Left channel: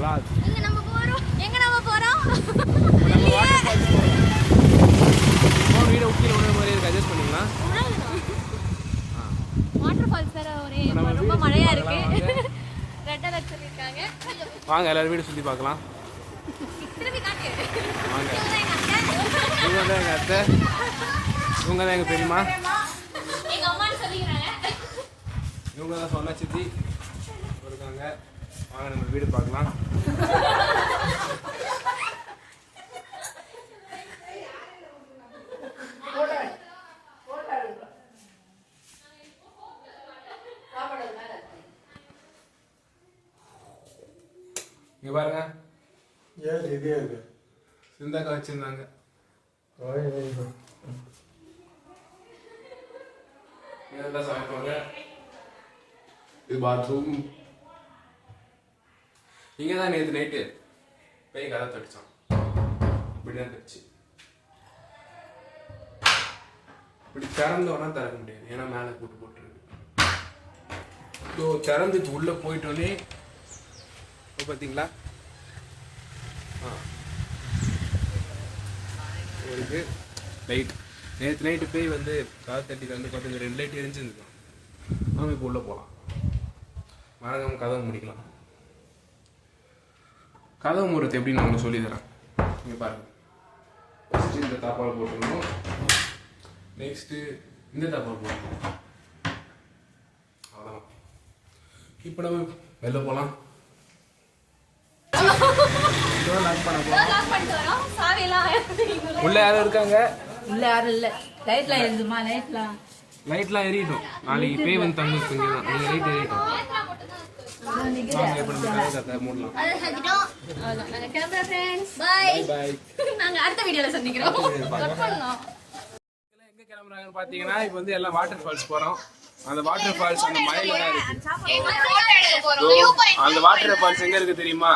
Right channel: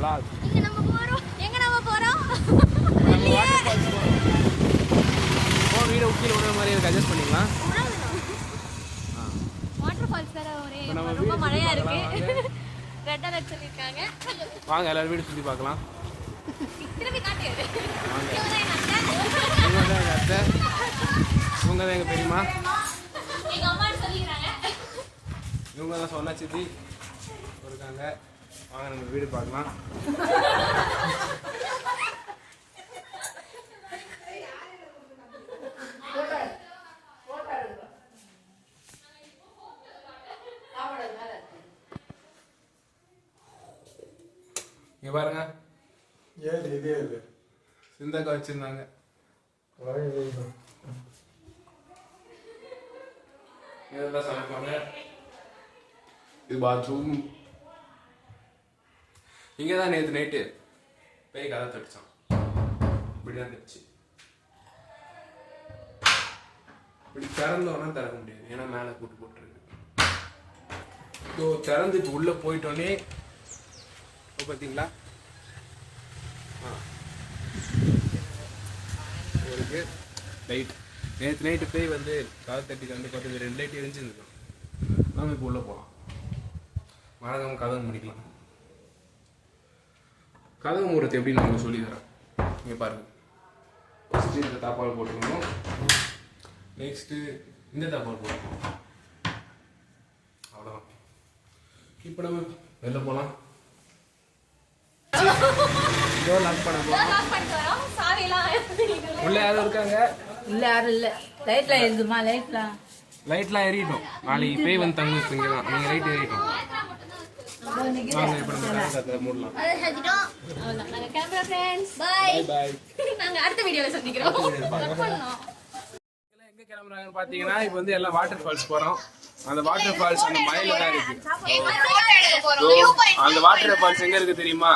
vlog. எங்க நம்ம போறோம்? நம்ம வாட்டர் ஃபால்ஸ் போறோம். போன் வீடியோ உள்ள விடுற மாதிரி இருக்கு, அட்ஜஸ்ட் பண்ணிக்கலாம். வாட்டர் ஃபால்ஸ் வேற ஒரே ரொம்ப மழையா இருக்கு. ரெட் அலர்ட் சொல்லிருக்காங்க. வாங்க எல்லாரும் வீடியோ சுத்தி பார்க்கலாம். திருப்பி காட்டு. இவங்க தான் எங்க பெரியம்மா. எங்க அம்மா சொல்லிக்கிறாங்க. இவங்க தான் சொன்ன சித்தி இருக்காங்க. வாங்க நம்ம வீடு பார்க்கலாம். இங்க பாருங்க, சிந்தாக்கா வச்சிருந்தாங்க. இதான் சமைப்பாங்க. இது பாத்ரூம். இங்கதான் நேற்று நைட்டு போய் கதை தடிச்சான். இப்படிதான் தடிச்சு இப்படி திறந்தோன்னா திறக்க முடியாது, ஏன்னா மேலே கூட்டு போட்டுருக்கு. திறந்து இப்போ உள்ள போயிட்டோன்னே பார்த்தீங்களா ஒரு லைட். நேற்று நைட்டு போய் வந்து காது தட்டி வந்து பார்த்து 2 லைட் எரிஞ்சிருந்துருக்கோம். நாம இப்போ உள்ளே போகலாம். மறக்காம கதவை முடிக்கலாம். கதவு மூடுறது எப்படின்னு நான் சொல்லி தரேன். இங்கே பாருங்க, ஃபஸ்ட்டு இந்த தாப்பால் போட்டுருந்தோம். நெக்ஸ்ட்டு இந்த தாப்பால் போட்டுருவோம். அவ்வளோதான். இப்போ நம்ம வெளில போகலாம். உள்ள யாரும் இருக்காங்க? உள்ள யாரும் இல்ல. லைட்லாம் எரியுதுமா? லைட்லாம் எரியட்டும். நாளைக்கு பேய் வந்து தங்குறது இங்கே தான். நீங்கள் லைட் எரியட்டும். அடுத்த வீடியோல சந்திக்கிறோம். எங்க கிளம்புறாங்கன்னு பாத்தீங்கன்னா இப்ப வந்து எல்லாம் வாட்டர் ஃபால்ஸ் போறோம். அந்த வாட்டர் ஃபால்ஸ் அந்த மலையில தான் இருக்கு. அந்த வாட்டர் ஃபால்ஸ் எங்க இருக்கு தெரியுமா?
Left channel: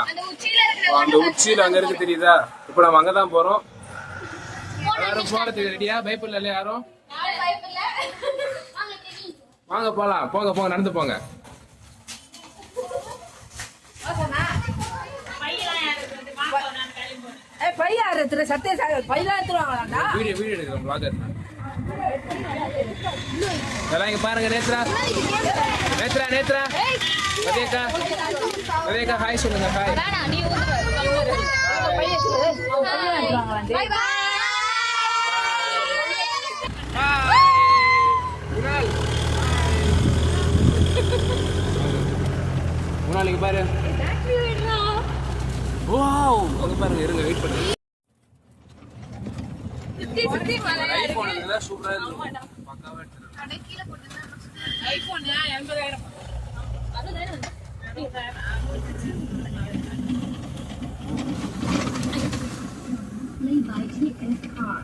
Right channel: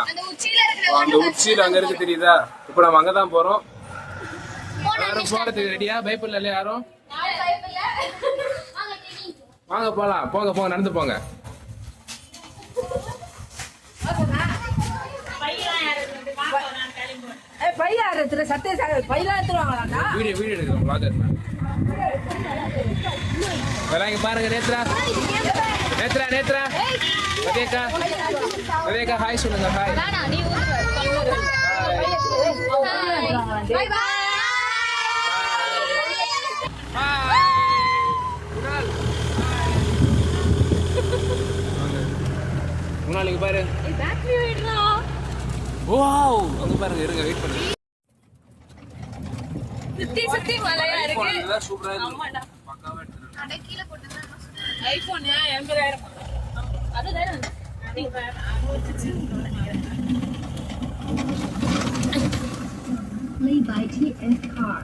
அந்த உச்சியில அங்க இருக்கு, தெரியுதா? இப்ப நம்ம அங்கதான் போறோம். எல்லாரும் போறதுக்கு ரெடியா? பயப்படல இல்லையா யாரும்? வாங்க போலாம். போங்க போங்க, நடந்து போங்க. வீடியோ எடுக்கிறோம். vlogger நான். எல்லாம் இங்க பாருங்க. நேத்ரா ரதேகா ஹாய் சொல்லுங்க. ஹாய். நீ ஊதுற. By by. முன்னாடி பாரு. வாவ், அங்க பாருங்க. இருங்க, வெயிட் பண்ணுங்க. சுத்தி மலை. ஐபோன் இருந்தா சூப்பரா இருக்கும். பக்காவா எடுத்துறோம். அட கீழ போட்டுனா ஐபோன் 80,000. அதுதானே Play by TS Car.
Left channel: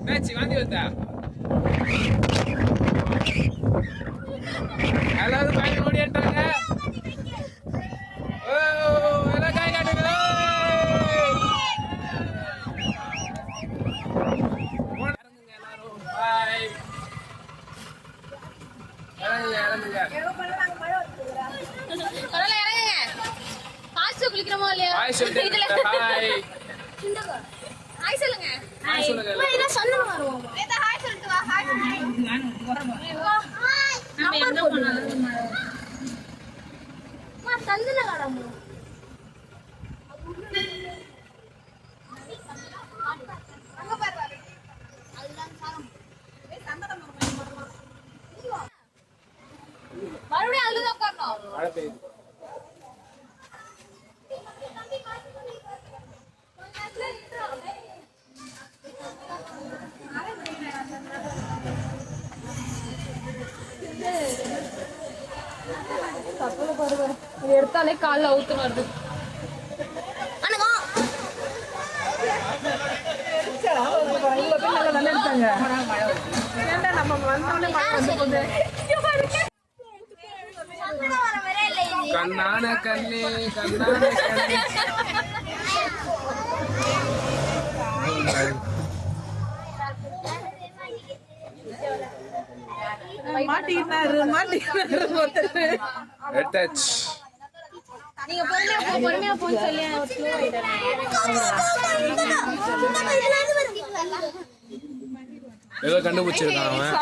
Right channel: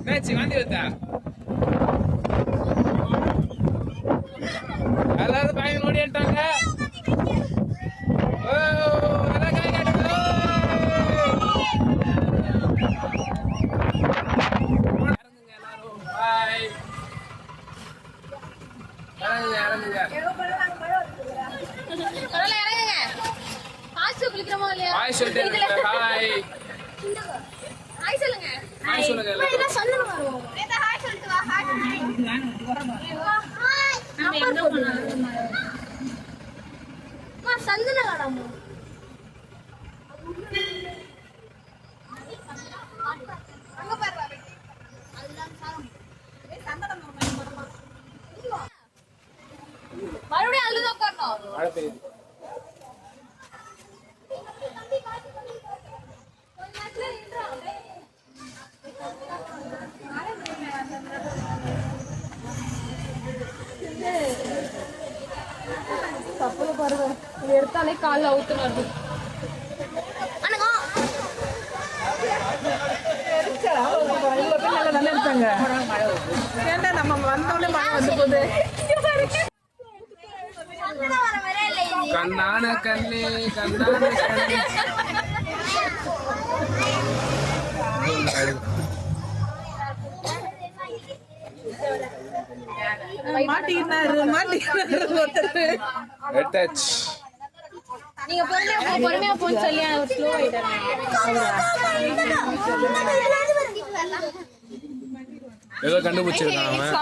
என்னாச்சு வாந்தி வருதா? எல்லாரும் பையன் ஓடிட்டாங்க. ஓ எல்லாம் கை காட்டுங்க. இறங்குங்க எல்லாரும். பாய். இறங்குங்க இறங்குங்க. ஹாய் சொல்லிட்டு ஹாய். ஹாய் சொல்லுங்க. ஹாய் சொல்லுங்க எல்லாரும். நேதா ஹாய் சொல்லிட்டு வா. ஹாய். ஹாய். நம்ம என்ன பண்ணலாம்? மா சந்தன கடமோ. அங்க பாரு பாரு. அதுதான் சாரம். சந்தன மரமா. மறுபடியும் அதுல தான் பண்ணோம். மழை பெய்யுது. கப்பல பாருங்க, இது எடுத்தாலே காலில் அவுத்துன்னு வருது. நம்ம வந்தோடனே கண்ணான கண்ணே கண்ணான கண்ணே. அட்டாச். நீங்க பொறுமையா போன்னு சொல்லி ஸ்லோ ஆயிட்டாங்க. ஏதோ கண்டுபிடிச்சிருக்கான் அவன்.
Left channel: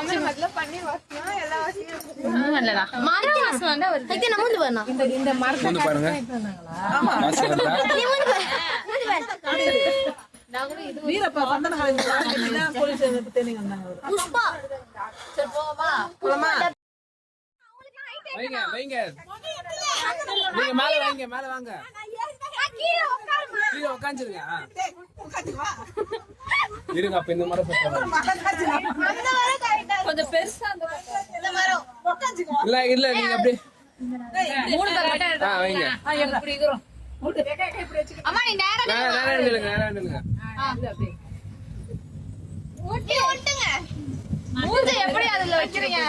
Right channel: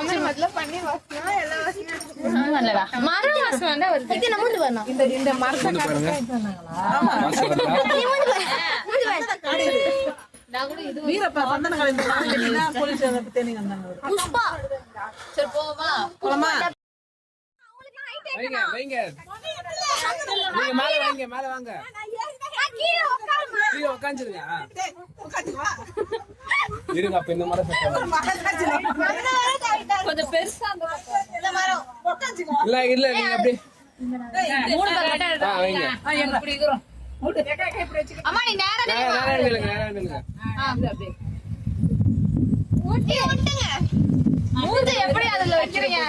இந்த மரத்தை வீரப்பா வந்தன காலையில போலீஸ் தேனிங்க வந்தாங்க. வைங்க வைங்க. நீங்க மேல வாங்க மேல வாங்க. கீழே உட்காந்துருங்க. இருங்க அப்ப இந்த மரம் கொஞ்சம் பெருசா இந்த மரம் இல்ல இல்ல நீங்க அப்படியே மூணு பேர் மட்டும் வைங்க. இப்படி இருக்கிறோம். அம்மா நீ நேரா நேரா நில்லுங்க நேரா நில்லுங்க. அப்படியே ஓட்டுங்க மூணு எப்படி அதுல வச்சிருங்க.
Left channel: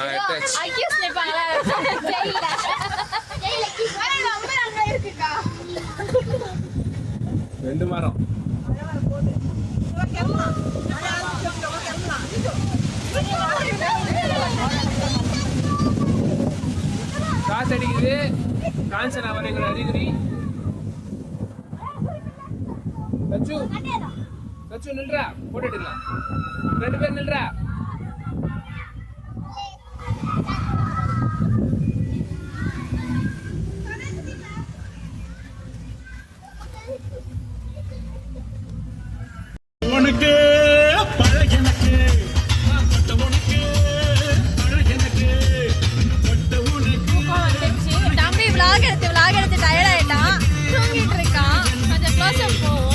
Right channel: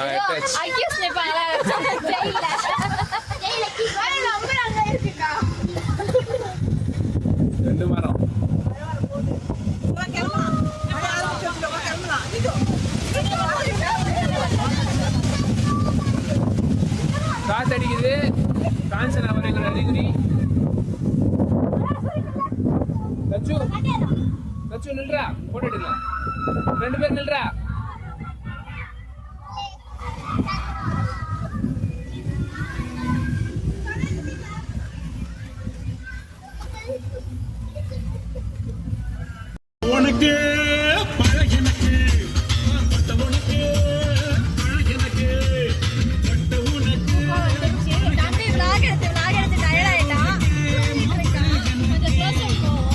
அட்டாச். ஐயோ ஸ்னேப்பாங்களா ஜெயில ஜெயில கீழே நம்ம அங்க இருக்கா. ரெண்டு மரம். காத்தடிக்குது. காஞ்சனா வரைங்கிற அறிகுறி. தச்சு தச்சு நில்றா போட்டுடுங்க. ரெண்டு பேர் நில்றா. உனக்கு பழகினக்கு பட்ட உனக்கு பழகினக்கு பட்ட உனக்கு. தம்பி vlog எடுத்து டயர்ட் ஆயிட்டான். தூங்கிட்டு இருக்கான். கொஞ்சம் பாசம் போவோம்.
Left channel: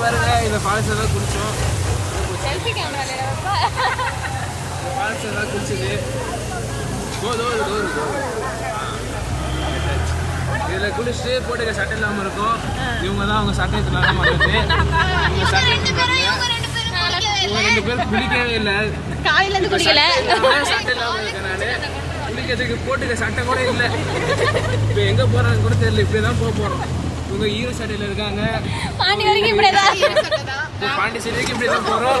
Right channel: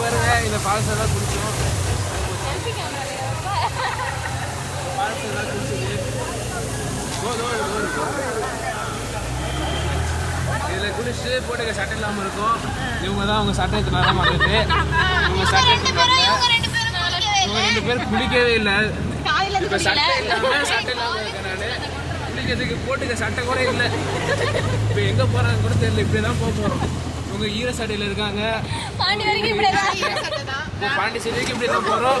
பாருங்க இந்த ஃபால்ஸ் எல்லாம் குளிச்சோம். ஃபால்ஸ் எல்லாம் குளிச்சது. இதுல குளிச்சுட்டு போட்டுக்க சட்டை இல்லாம இருக்கும். இவங்க தான் அவங்க சட்டை இல்லாம மாட்டிட்டு இவங்க ரெண்டு பேரும் குளிக்கவே இல்லை. சட்டை இல்லாம இருக்கனால குளிக்கிறதுக்கு போட்டுக்க சட்டை கூட இல்லை. இப்ப எங்க போறாங்க கூட தெரியல. இப்படிதான் போக போறோம். இவங்க ஈர சட்டையில இருக்காங்க. பாண்டிச்சேரி வரைக்கும் இப்படிதான் போறோம்.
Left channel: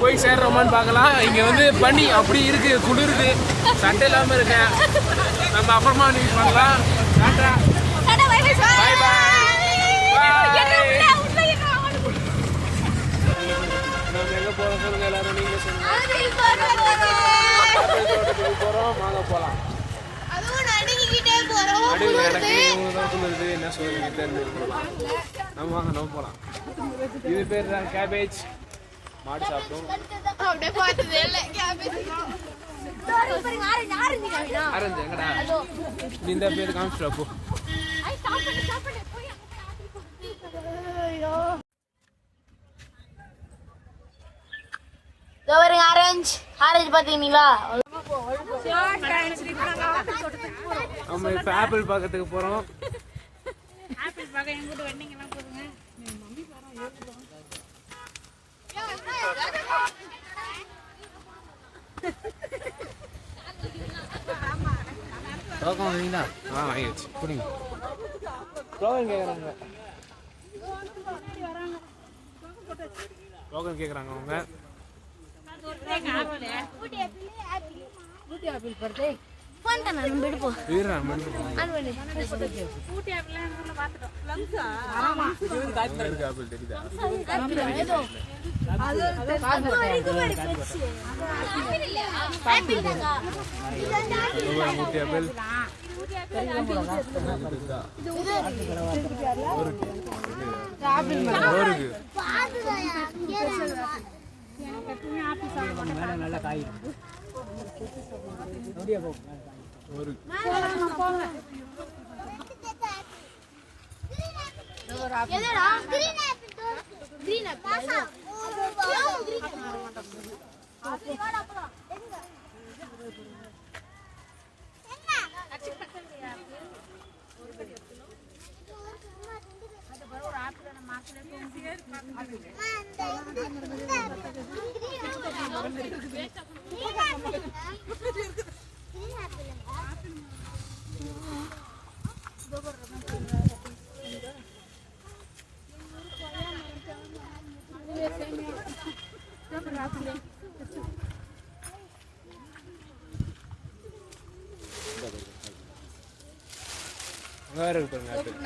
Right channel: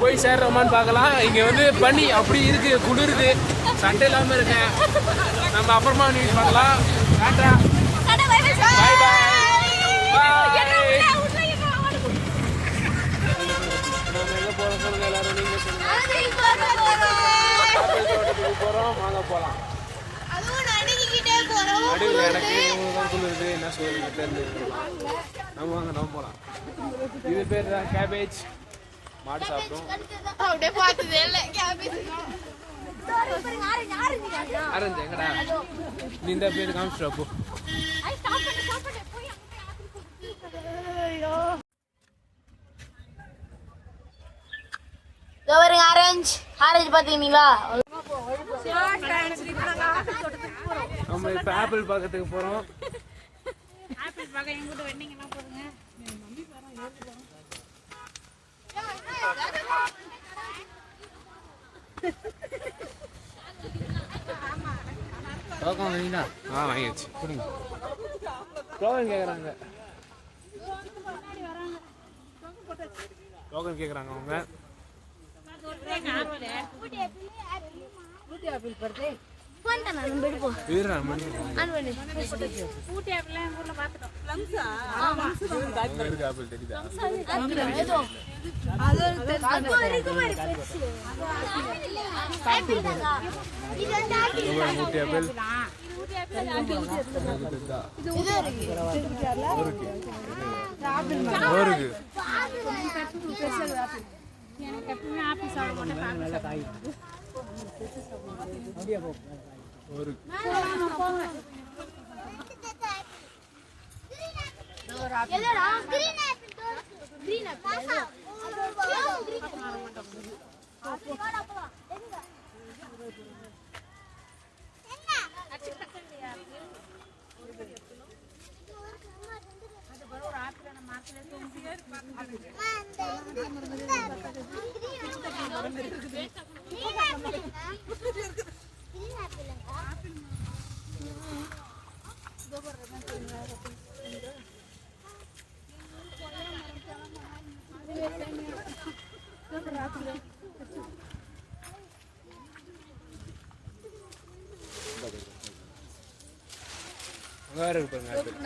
போய் சேர்றோமான்னு பார்க்கலாம். இங்க வந்து பனி அப்படி இருக்கு, குளிருது. சட்டை இல்லாம இருக்கேன். நம்ம அப்புறமா நியூஸ் பண்ணலாம். Tata bye bye. நம்ம எங்க போறோம் சொல்லுங்க எல்லாரும். நீங்க சொல்லுங்க. தோட்டத்துக்கு போறோம். வாங்க போலாம். நடுவில் எனக்கு இவங்க தான் சொல்லுது. என்ன சொல்லுங்க தெரிஞ்சு போகலாம். நம்ம வாங்க நம்ம போகலாம். இது பேர் தான் கேபேஜ். மாடு சாப்பிடும். ஆரஞ்சு எங்கடா நீ இந்த பேர் காமிச்சிட்டு போ. ஆரஞ்சு ஆரஞ்சு பாத்தீங்களா? நம்ம இப்ப ஆப்பிள் பார்க்கறதுக்கு போறோம். ஆப்பிள் பார்க்க எங்க கூட வெண்டிங் எல்லாம் போடுங்க. மம்மி பாரு ஏறுறோம். டோக்கன் வாங்கிட்டா? வாங்கியாச்சு. புரியுங்க. டோக்கன் கேக்குறாங்க. டோக்கன் கேக்குறாங்க அவங்க.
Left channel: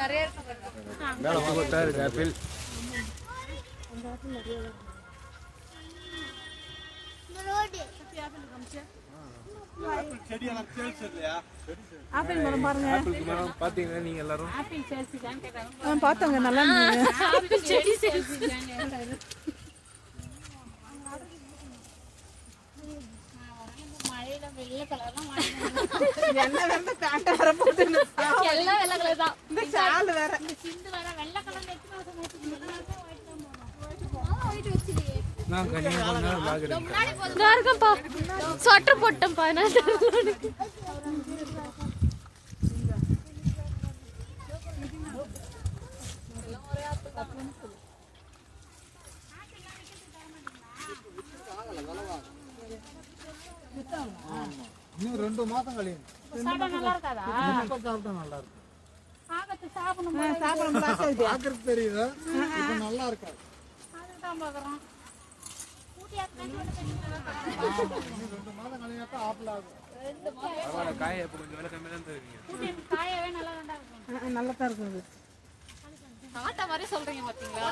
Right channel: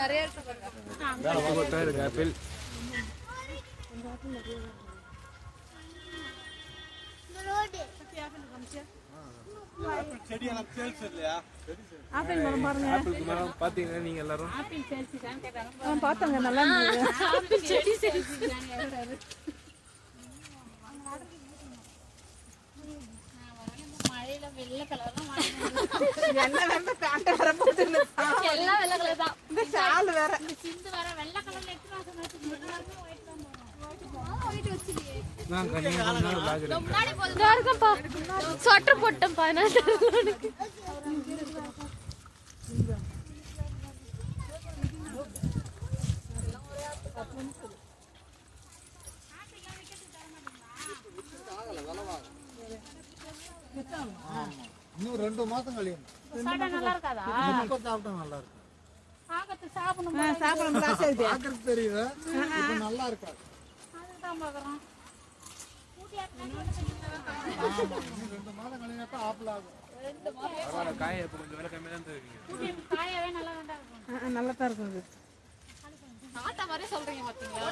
நிறைய இருக்கு ஆப்பிள் ஆப்பிள் மரம் பாருங்க. ஆப்பிளுக்கு மரம் பாத்தீங்கன்னா நீங்க எல்லாரும் பார்த்தோங்க நல்லா என்ன வேற காட்ட வர போகுது எல்லாம் வெள்ளை கலர் தான். இந்த சால் வேற நான் கனியா கொஞ்ச நேரம் vlog எடுக்கிறேன். பாருங்கப்பா சொட்டர் போட்டேன் பாருங்க. இன்னும் 2 மாதம் கழியும். நல்லா இருக்காதா? நல்லா இருக்கும். பார்க்கறதுக்கு தெரியுது. இப்ப நல்லா இருக்காது. இன்னும் 2 மாதம் கழிஞ்சாட்டா ஆப்பிள் ஆகும். பரவாயில்ல, காயை இப்ப கொஞ்சம் விலை கம்மியா தான் தருவீங்க. நல்லா தான் இருக்கும். ஆட்டா மாதிரி சொல்றீங்க பாத்தீங்களா?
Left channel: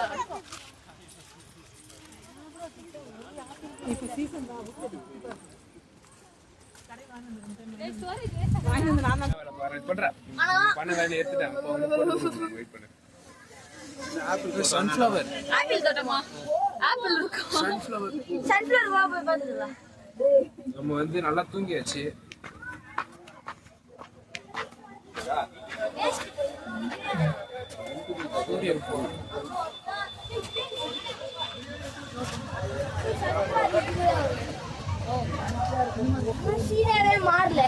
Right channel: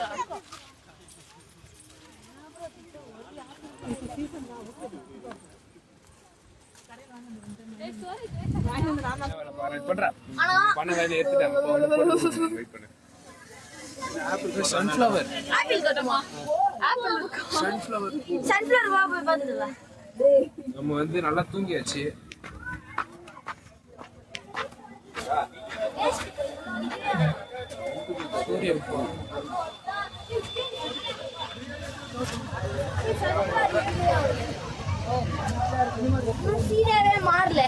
சன்ஃபிளவர் நம்ம வந்து நல்லா தூங்கியாச்சு. சூரியன் போகும். மாறல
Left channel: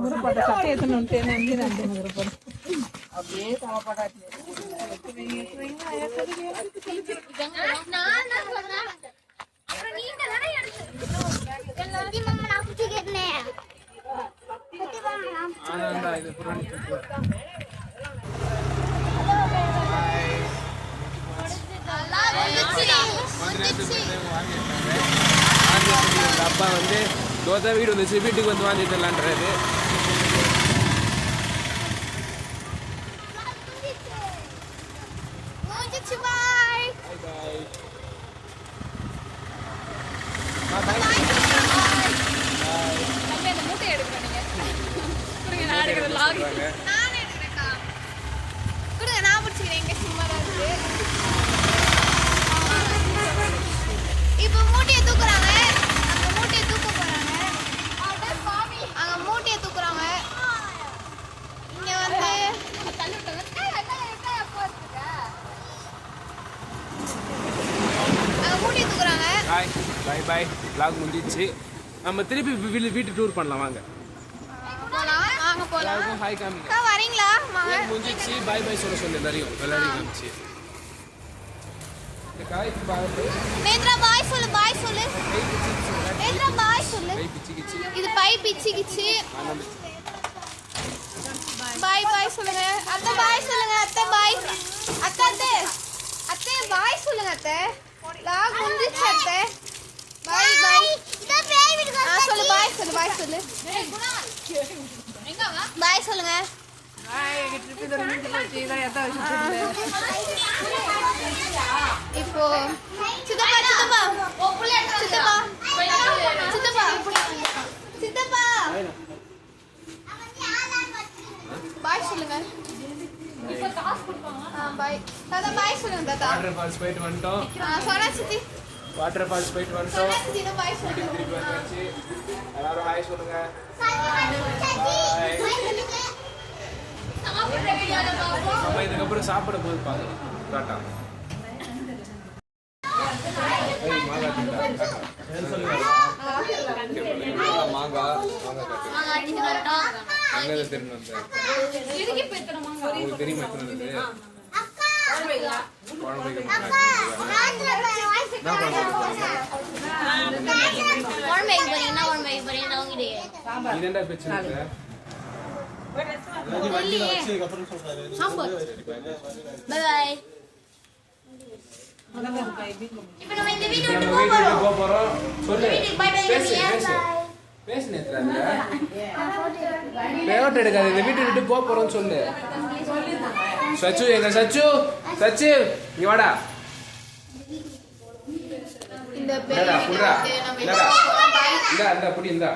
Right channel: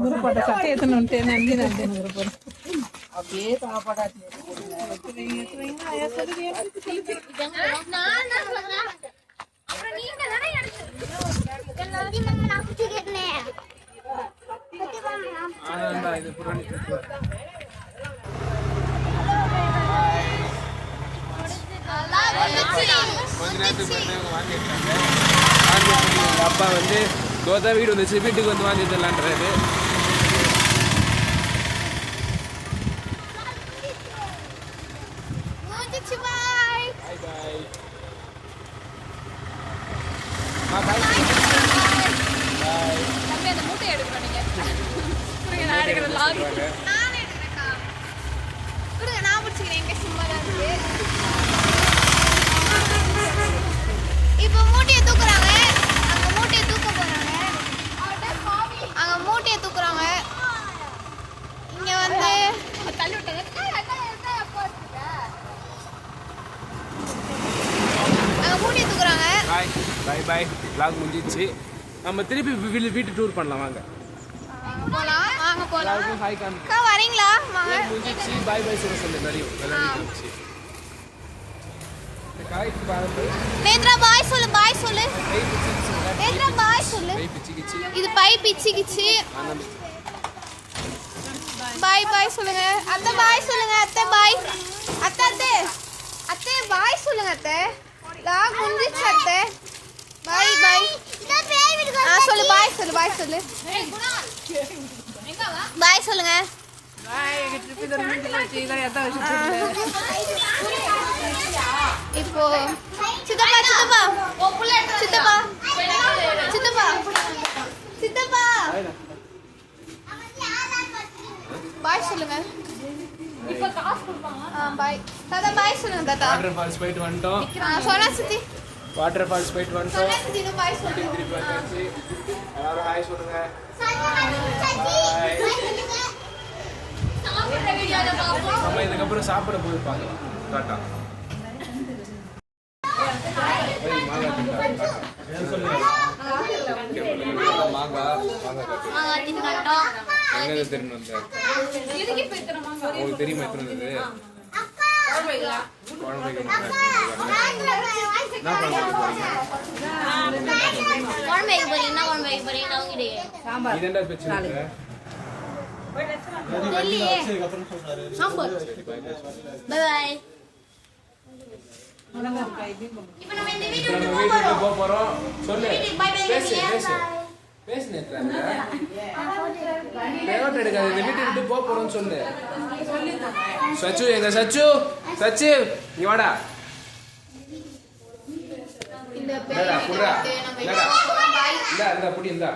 முருகோட சட்டை எடுத்துன்னு நன்றி நன்றி முருகோட ஆனா இது புராணி அப்பா வந்து தோதா வீடு வந்துச்சு, வீட்டுக்கு வந்து வாங்கி தரலான்றாரு. அந்த மூட்டை எடுக்கணும் நீங்க. நான் எடுக்கிறேன். நானே எடுக்கிறேன்க்கா. விடுங்க, நான் முடிச்சுக்கிறேன். எங்க சும்மா தான் இருக்கு. இப்போ மூட்டையை தூக்குறாங்க. அந்த மூட்டையை தூக்க போறாங்க. அங்க மூட்டையை தூக்குறாங்க. இங்க வந்து தள்ளி விட்டாங்க. அங்க மூட்டையை தூக்குறாங்க. பாய் பாய் பாய். vlog முடிஞ்சிச்சு. நம்ம திருப்பி வீட்டு டூர் பண்ணலாம் வாங்க. போலாம், வாங்க போலாம். ஹாய் காமிங்க. வரீங்களா? வாங்க. முடிஞ்சிச்சு. பாய் பாய் சொல்ல சொல்லு எல்லாரையும். எல்லாரும் முடிஞ்சிச்சு. பாய் பாய். நேத்ரா பாய் சொல்லு, பாய் சொல்லு. நேத்ரா பாய் சொல்லு. இது பை பிச்சிக்கிச்சு. பாய் பாய் சொல்லுங்க. அத்தை பாய் சொல்லுங்க. அத்தை பாய். அத்தை அத்தை அத்தை பாய் சொல்லுங்க. அத்தை லாக் முடிஞ்சிச்சு. அத்தை பாய் பாய். சொல்லு பாய் சொல்லு, பாய் சொல்லு. பாய் சொல்லுங்க. இப்போ சித்தப்பா சித்தப்பா சித்தப்பா வாட்டர் ஃபால்ஸ் போயிட்டு வந்துட்டோம். சொன்னா சித்தி வாட்டர் ஃபால்ஸ் போயிட்டு வந்துட்டோம். சித்தி பாய் சொல்லுங்க. திருப்பி வந்தாச்சு. எல்லாரும் ஹாய் சொல்லுங்க. சாப்பிடுற வீடியோல பாப்போம். நம்ம இதுக்கப்புறம் சாப்பிட போது பார்க்கலாம். டாட்டா. சொல்லு சச்சு, எங்க சச்சு, சச்சு இங்க வாடா. இந்தா புடுறா, இந்தா புடி, இந்தா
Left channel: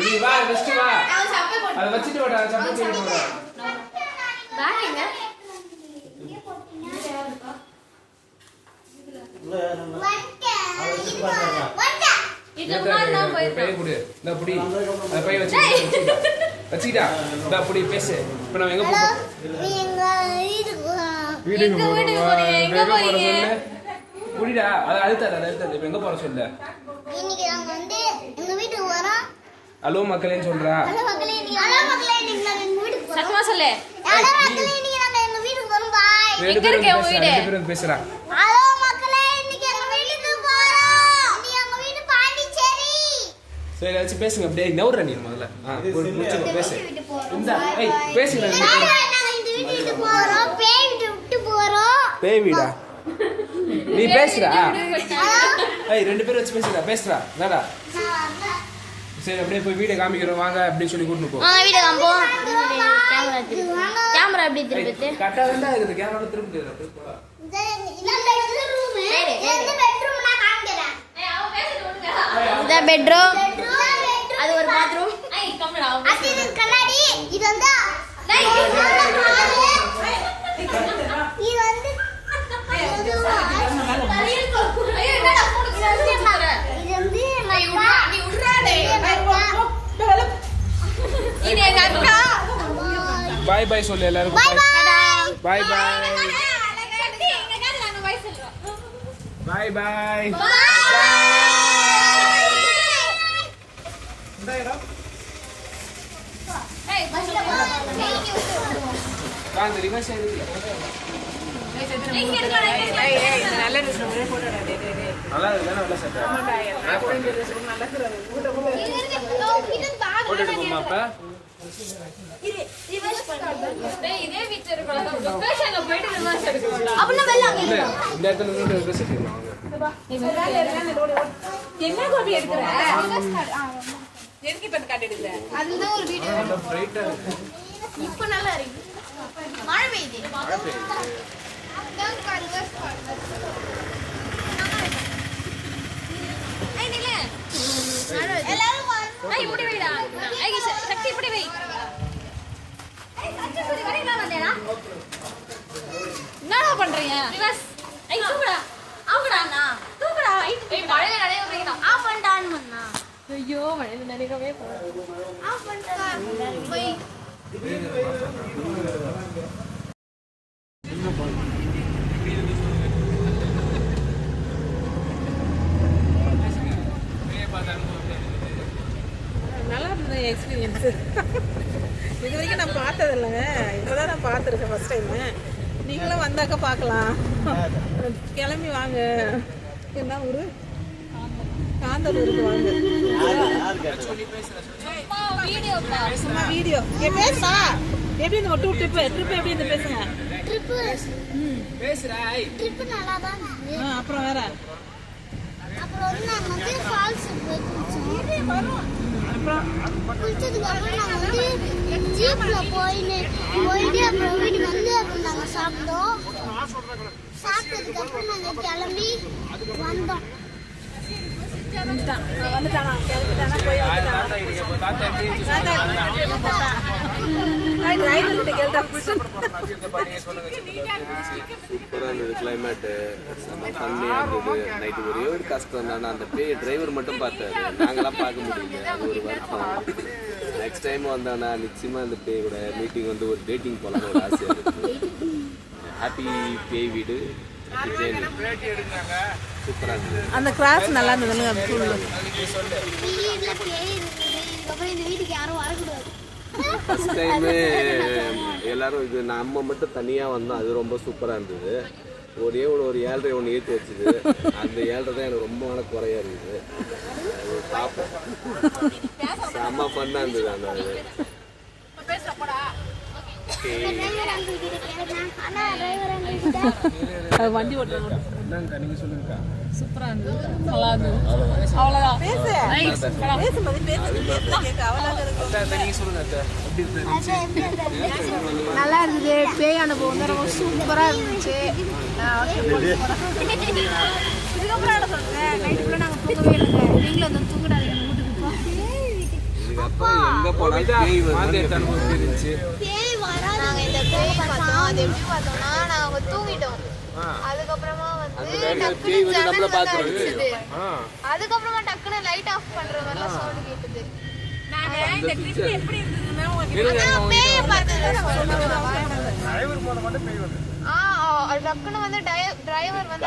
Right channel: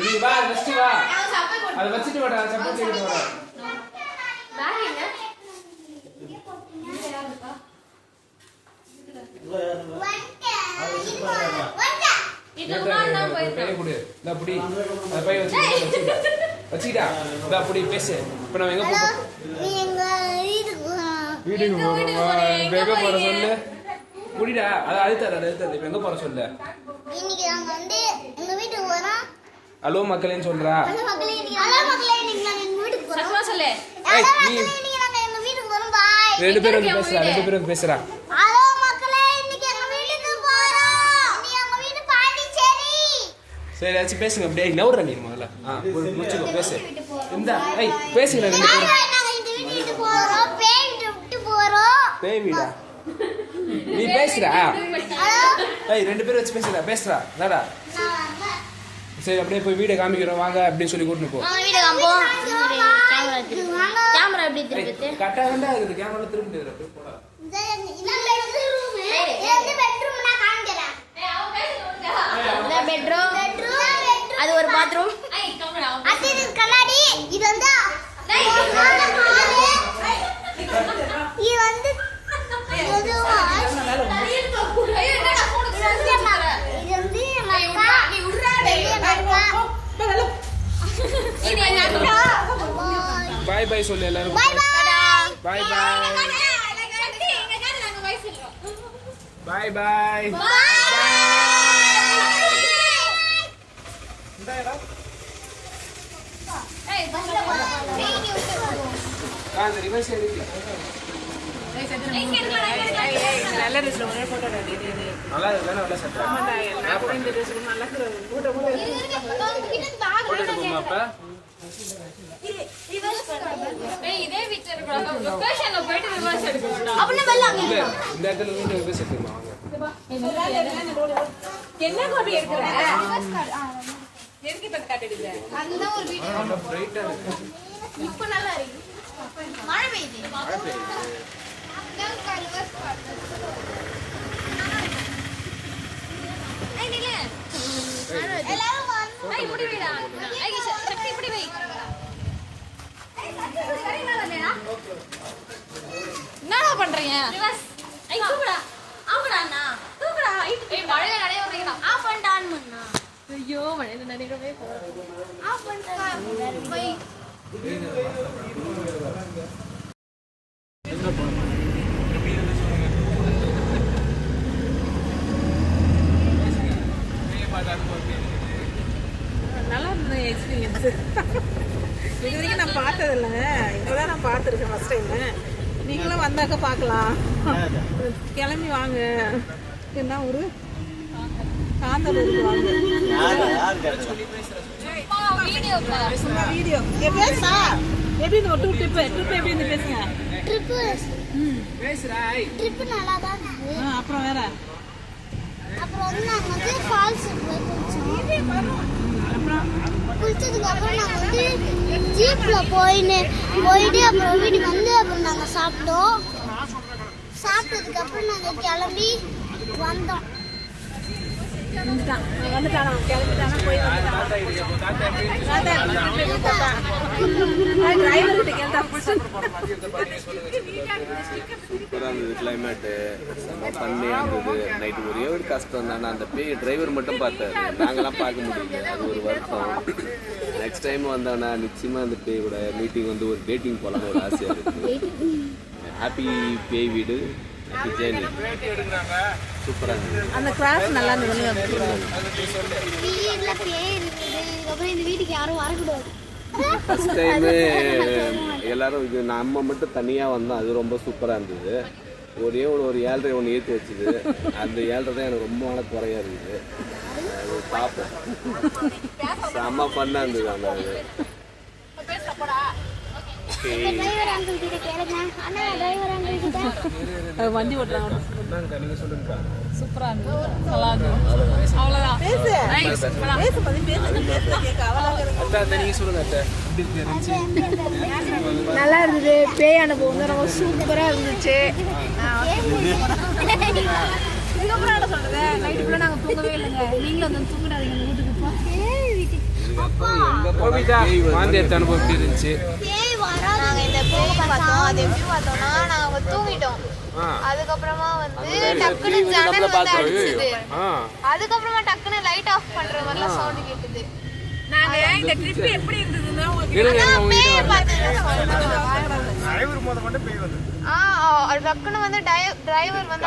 நீ வா, நெக்ஸ்ட் வா, அதை வச்சுட்டு வாடா, சப்போர்ட் பண்ணி வா. பேசு. இப்ப நம்ம எங்க போறோம்? வீட்டுக்கு போறோம். சொல்லு புடிடா. அதை அழுத்தாது. இப்ப எங்க போற சொல்லு. ஹலோ மக்களேன்னு சொல்றா. ரெண்டு பேரும் பேசுறா. சரி ஏதாச்சும் பேசுங்க. அப்படியே நவுற நீ முதல்ல. முடிச்சுக்கோ, பேசு. பேசுங்க ரெண்டு பேரும். பேய் வீடா? நீ பேசுறா. ரெண்டு பேரும் வச்சு பேசுறா. என்னடா? சரி அப்படியே போய் வீடியோ காமிக்கிறோம் வாங்க அப்படின்னு சொல்லி கூட்டிட்டு போ. கரெக்டா தான் இருக்குது. கேமரா திரும்ப முடியாது. அப்படியே போடா. பெட்ரூம், அது ஒரு பாத்ரூம், அது கண்ணாடி. இது வந்து பாய் பாய் சொல்லு எல்லாரும். பாய் பாய் பாய். ரிவர்ஸ் நல்லா நல்ல சட்டை போட்டு எடுப்போமா? அப்ப இந்த இடத்துல ரிவர்ஸ் எடுத்துக்கலாம். இப்ப நல்லா இருக்கு. மழை பெய்யுது. என்ன பண்றீங்க? ஐயோ மழையில நினைக்கவே நல்லா இருந்தது எக்ஸ்பீரியன்ஸ். இது வரைக்கும் நான் பார்த்ததில்ல, இப்போதான் நான் பார்த்துருக்கேன் ஃபர்ஸ்ட் டைம். நீங்களும் வந்தாக்க பார்க்கலாம். கிளம்பி வாங்க. என்ன ஊரு? காந்தலூருக்கு வாங்க. சும்மா வீடியோ பேசுமா? எப்படி இந்த டூ ட்ரிப் எப்படி இந்த பேசுங்க. அப்புறம் வேற அப்புறம் வந்து நாங்க வந்து ஃபால்ஸ் போய் குளிச்சதுக்கு அப்புறம் நாங்க வந்து ஜீப்ல போயிட்டு அப்புறம் வீட்டுக்கு வந்து அப்புறம் நாங்க சாப்பிட்டோம். சாப்பிட்டதுக்கு அப்புறம் நாங்க கிளம்பி வந்தோம். வந்துட்டானா கிளம்பிட்டானா போய் வந்துட்டானா. டிரைவர் கிட்ட கேட்டா சூப்பரா இருந்தது கிளைமேட்டு, செம்ம பண்ணியா இருந்தது. நைட்டு ஒரே ஒரு கஷ்டம் தானே, அந்த பேய் டிரைவர் மட்டும் பார்த்தாரு, நாங்களாம் பார்க்க முடியல. அது ஒரு வருத்தம். நெக்ஸ்ட் டைம் வந்தானா நிச்சயமா அந்த பேய் கூட மீட்டிங் வந்து ஒரு டேட்டிங் போலான்னு ஒரு ஆசையா இருக்கு. ஹாப்பி பேய் வீடு, ஹாப்பி ஜேர்னி. சூப்பரா இருந்தது. அந்த கிராஸ் நல்லா இருந்தது. அப்புறம் இந்த வீட்டுக்கு யாரும் வரக்கூடாது. ஃபர்ஸ்ட் டைமு எல்லாரும் இது நம்ம மட்டும் தனியாக வந்தோம், அது ரொம்ப சூப்பராக இருந்தது. ஒரே ஒரு 7:30 ஒன்று ஏற்றி வச்சுது, அந்த 7:30 தான் எனக்கு ரொம்ப நாள் குறையா இருக்குது. அது பார்ப்போம், செம்ம ஃபன்னாக இருந்தது அந்த இது. வண்டி ஓட்டுறாங்க. சூப்பரா இருந்தது, நல்லா இருந்தது. அவ்வளவுதான். பேசு நல்லா இருந்தது. பேய் அனுபவம் வந்து ரொம்ப சூப்பரா இருந்துச்சு. இதுக்கப்புறம் என்ன சொல்றது, நைட்டு ஃபுல்லா நாங்க தூங்கவே இல்லைங்க. நீங்களும் வந்து தூங்கிடாதீங்க அந்த வீட்டுக்கு. நாங்க இந்த பேய் பார்த்தோம். அது எப்படி பார்த்தோம்னா, நாங்க தூங்கிட்டோம். அதுக்கப்புறமா வந்து டக்குனு ஜன்னல் வந்து அடிச்சுது. அதுக்கப்புறமா டக்குனு லைட் ஆஃப் பண்ற மாதிரிலாம் சவுண்ட் கேட்டுது. இந்த ட்ரிப் எப்படி இருந்ததுன்னா பேய் பார்த்தது டக்குனு வந்து டிரைவர் வந்து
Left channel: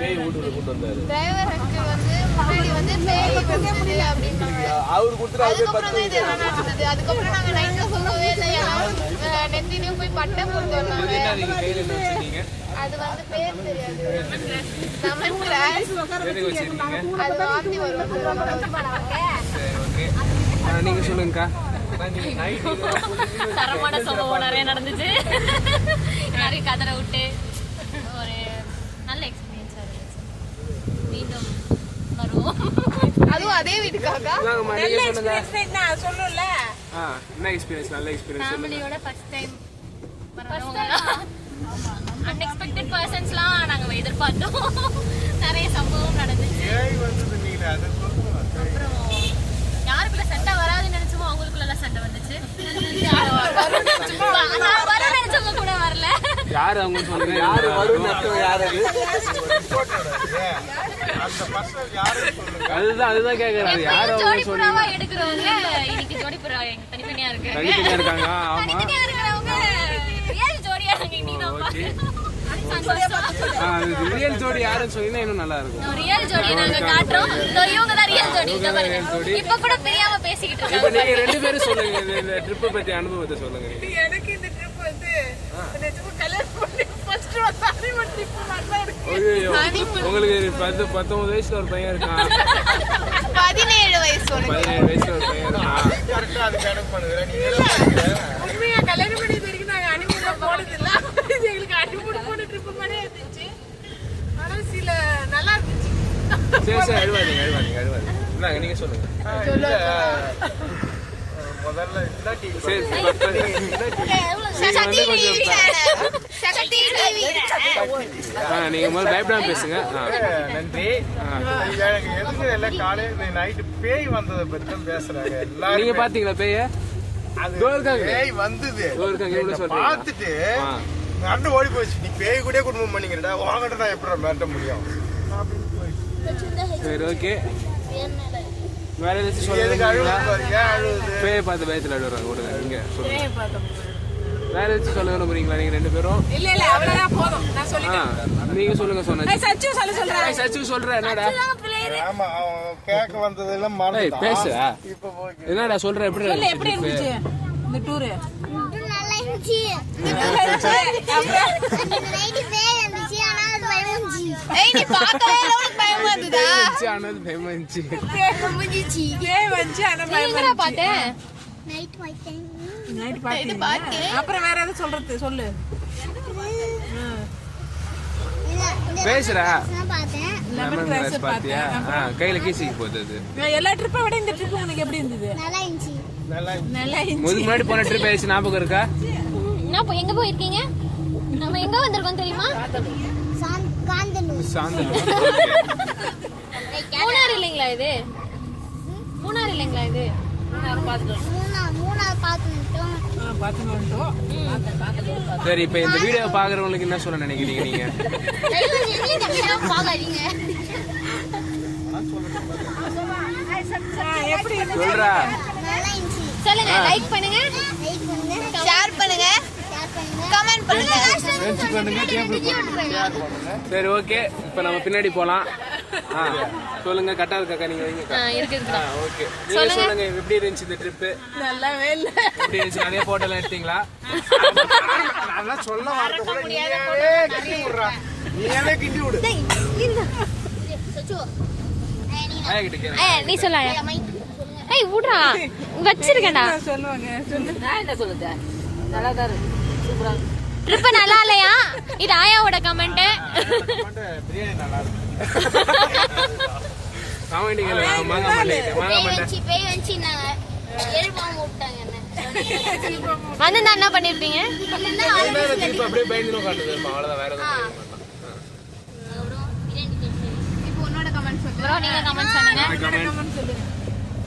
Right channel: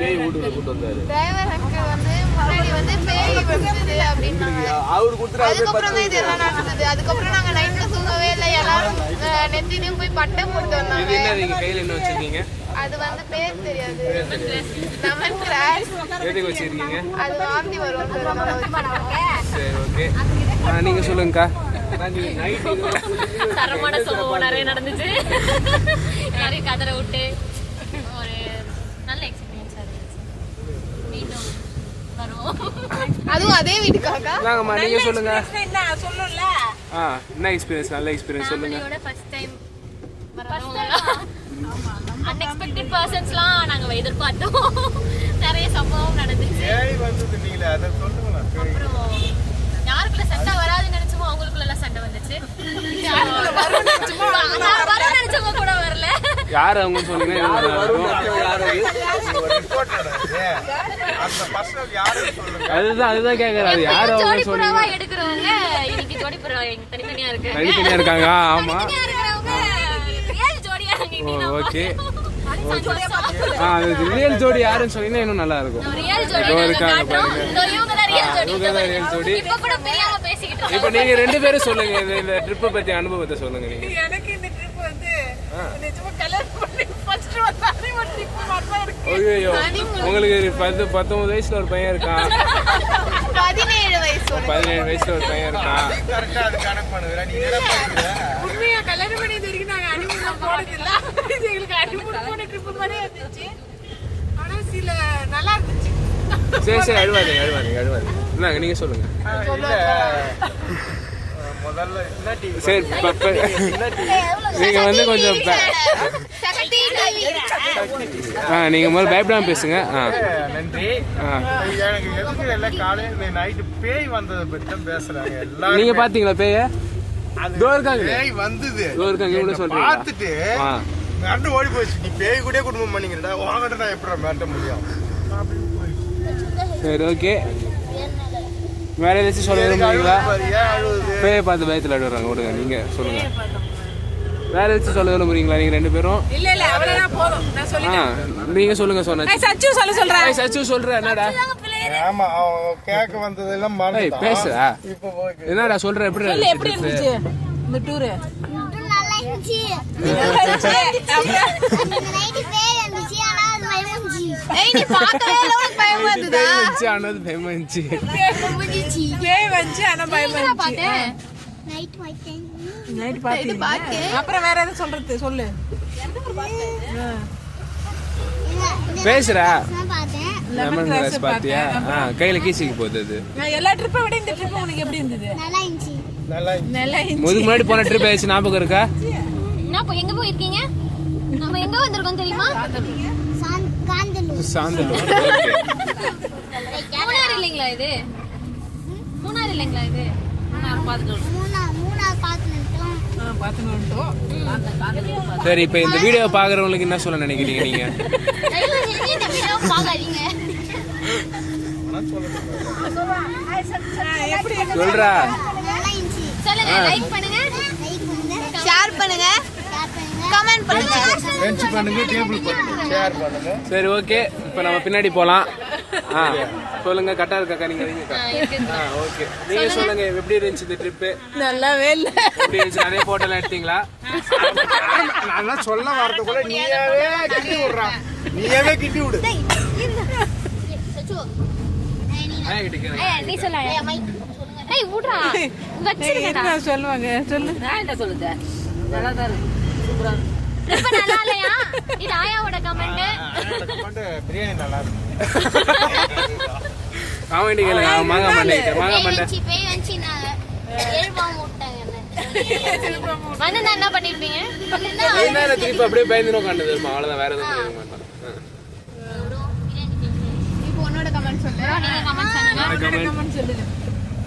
டிரைவருக்கு வந்து முன்னாடி வந்து பேய் வந்துது அப்படின்னாங்க. அதுக்கப்புறம் தான் இதெல்லாம் நடந்தது. அதுக்கப்புறம் நாங்க நைட்ல தூங்கவே இல்லை. எல்லாரும் நெத்திலையும் போய் பட்டை போட்டு வந்தாங்க. அது வந்து பேர் தெரியாது, லெமன் கிராஸ். அது வாந்தி வரும். நீங்க சொல்லுங்கக்கா. தரமான சம்பவம் நிறைய நடந்துச்சு. நிறைய கதரை விட்டு ஒரு நல்ல எக்ஸ்பீரியன்ஸா இருந்துச்சு. மீண்டும் வருவோம். அதுவும் அதே வீட்டுக்காக. நீங்க சொல்லுங்க. சொல்லும்ல என்ன எக்ஸ்பீரியன்ஸ்? நல்ல எக்ஸ்பீரியன்ஸ் சொல்லுங்க. ஃபேமிலியோட ஃபர்ஸ்ட் டைம் வரவங்க அன்எக்ஸ்பெக்டட் பர்சன்ஸ்லாம் நாங்க எதிர்பார்த்தோம். நிறைய சம்பவம் நடந்துச்சு. அப்புறம் யாருக்குள்ள சண்டை வராதுன்னு நினைச்சோமோ அவங்களுக்குள்ள சண்டை வந்துச்சு. நான் வரும் நினைச்சவங்க கூட வரல. யாரு அவங்க சொல்லுங்க. யாரு வரும் யாரு? அதுதான் கேக்குறாரு. யாரு ஜோடி புறாவா எடுக்கிறவங்க இன்னைக்கு ஜோடி புறா தனித்தனியா இருக்காங்க. ஆமா, தனித்தனியா இருக்கிறவங்க ரியல் ஜோடியா இன்னைக்கு. ஓகே, ரியல் ஜோடி யாருன்னு சொன்னீங்கன்னா இன்னும் நல்லா இருக்கும். ரியல் ஜோடி நாங்க காட்றோம். இவங்க தான் ரியல் ஜோடி. இப்ப கூட தெரியாம பேசிக்கிட்டு இருக்கோம். இப்போ நீங்க ரெண்டு பேரும் சொல்லுங்க, இந்த ட்ரிப் பத்தி அனுபவத்தை சொல்லுங்க. எனக்கு இந்த ட்ரிப் வந்து நிஜமா கல்யாணம் பண்ணி ஃபர்ஸ்ட் வந்தானே ஒரு ட்ரிப் மாதிரி இருக்கு. ஐயோ, உங்களுக்கு 19 வயசுல ஒரு பையன் இருக்கான். 17 வயசு 17 வயசுல ஒரு பையன் இருக்கான். கரெக்டா அது கணக்கு பண்ணுறேன். நீ என்ன பண்ணுற? உண்மையா கல்யாணம் பண்ணி வரைக்கும் நாங்க அனிமூன் போனது இல்ல. எங்களுக்கு அனிமூன் போன ட்ரிப் மாதிரியே இருந்துச்சு. ஆனா சில நல்லா இருந்துச்சு. சரி அழுவாதீங்க. என்னங்க நீங்க சொல்லுங்க. முதல்ல என்ன டிவி? சரி, நீங்க வந்து கொஞ்சம் நீங்க முதல்ல பயப்படாம பேசுங்க. நன்றி. எனக்கு எதுக்கு எல்லாம் காலையில நைட்டு பேய் வந்ததை பத்தி தான் பேசுறாங்க எல்லாரும். நீங்க பாத்தீங்களா பேய? பேய் வந்தது சொல்றேன் பார்த்துட்டு மிரண்டு ஓடி போச்சு. நீ பேய் கூட குடும்பம் பண்ணிக்கிறடா, வாங்கிட்ட நான் எப்படி மிரட்ட முடியும் அப்படின்னு போயிடுச்சு. சரி, ஓகே. வேற ஏதாச்சும் சொல்லுங்க. பேயை பார்த்து பயத்துல அழுகுறாங்க. விடுங்க, நீங்க சொல்லுங்க. வேற ஏதாச்சும் சொல்ல விரும்புறீங்களா நீங்க ரெண்டு பேரும்? இல்ல அவ்வளவுதான் போதும். நான் சொல்லிட்டேன். நீங்க சொல்லுங்க. சொன்னா சச்சு சொல்றேன். என்னடா ஆமா, கேட்க வந்ததெல்லாம் மறந்துட்டா. பேசுறா. என்னடா சொல்ற? எப்படி இருந்துச்சு இந்த டூர்? நல்லா இருந்துச்சு. நைட்டு பேய் வந்துச்சு. ஆனா அது பயந்துச்சு. நீ பார்க்கவே பயமா இருந்ததா? ஆனா அது பயமா இருந்துச்சு. பேய் வந்துச்சு ஆனா பயமா இருந்துச்சு. நைட் பார்த்தேன். அப்புறம் வேற எதை சொல்றது? சொல்லு. பேசுறா. பார்த்தேன். லெமன் கிராஸ் பாத்தியா? கையில கீசிக்கு போகுது. எல்லா ட்ரிப்பை விட இந்த ட்ரிப் உங்களுக்கு எப்படி இருந்தது? நல்லா இருந்துச்சு. முதுகு முன்னாடி போன ட்ரிப் ஆயிடுச்சு, ஞாபகம் இருக்கா? எங்க போயிருக்கீங்க? நம்ம எங்க வந்திருக்கோம் தெரியுமா? சாந்தலூர். மூணாறு இல்லைங்களா இது? சரி, இப்ப இந்த வீடியோ பாக்குறவங்களுக்கு என்ன சொல்ல நினைக்கிறீங்க நீங்க? சொல்றா. சொல்லுங்க, லைக் பண்ணுங்க, ஷேர் பண்ணுங்க, கமெண்ட் பண்ணுங்க. சரி, ஓகே. இப்ப நம்ம பின்னாடி போலாம். சொல்லுங்க. கரெக்டா இருக்காக்கா? நீங்க ஓகே. நீங்க சொல்லுங்க, எப்படி இருந்துச்சு இந்த ட்ரிப்? நல்லாவே இல்ல. எப்படி இருந்துச்சு? நிறைய போட்டோலாம் எடுத்தீங்களா? நான் சொல்ல வரது கூட நீயாவே கிட்டி விடு. நீ சொல்ல. ஏய் ஊட்றா, வச்சிருக்கடா. சொல்லுவாங்க, சொல்லு. நான் என்ன சொல்லுது? நல்லா தான் இருக்கு, சூப்பரா இருக்கு. ட்ரிப் நல்லா இல்லையா? இது ஆயாவோட கமெண்ட். பிரியாணி நல்லா இருக்கு. காமெடி கேளுங்க. மாங்கா மண்டை பேய் வந்துச்சு, நான் எழுப்பாம விட்டாங்க என்ன. வந்து நான் என்ன பண்ணிருப்பீங்க? ட்ரிப் அப்படியே பயந்து உட்காந்து அவ்வளவுதான், வேற எதுவும் பண்ண இப்போ உன்னோட கமெண்ட் சொல்லு. நீங்க கமெண்ட் சொல்லுங்க.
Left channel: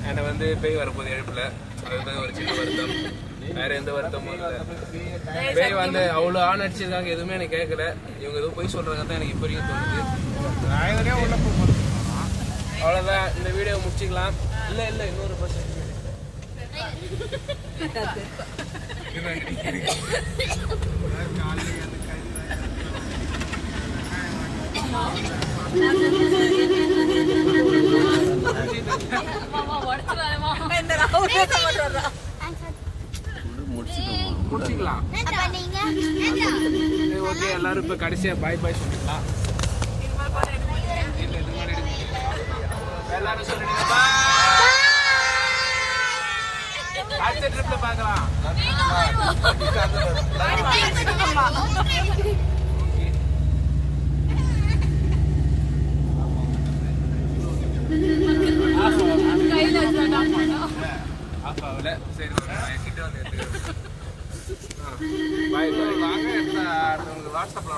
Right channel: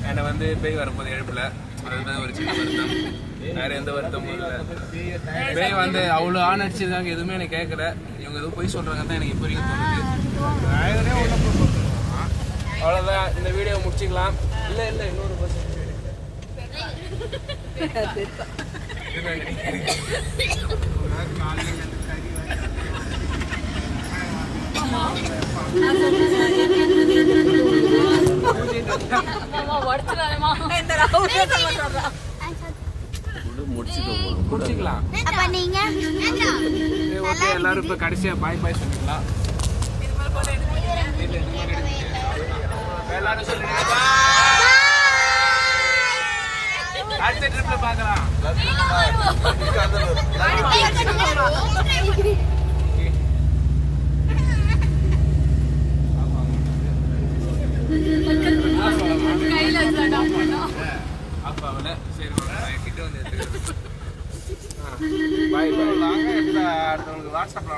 என்னை வந்து பேய் வரப்போது எழுப்புல, அதுதான் ஒரு சின்ன வருத்தம். வேற எந்த வருத்தமும் இல்லை. பேய் வந்து அவ்வளோ ஆன் அடிச்சிருக்காங்க, எதுவுமே எனக்கு கேட்கல. இவங்க எதுவும் போய் சொல்றாங்க தான் எனக்கு இப்போ வரைக்கும் தோணுது. அவ்வளோதான், இந்த வீடியோ முடிச்சுக்கலாம். இல்லை இன்னொரு பர்சன் முடிச்சுக்கலாம். ஓகே, எல்லாரும் இப்ப கடைசியா பாய் பாய் சொல்லிக்கலாம். எல்லாரும் சொல்லுங்க, அடுத்த ட்ரிப்ல பார்க்கலாம். ஆஃப் ஆகல. சரி, கிட்ட வந்து எடுத்துக்கிறேன். பாய் பாய். வாட்ஸ்அப்ல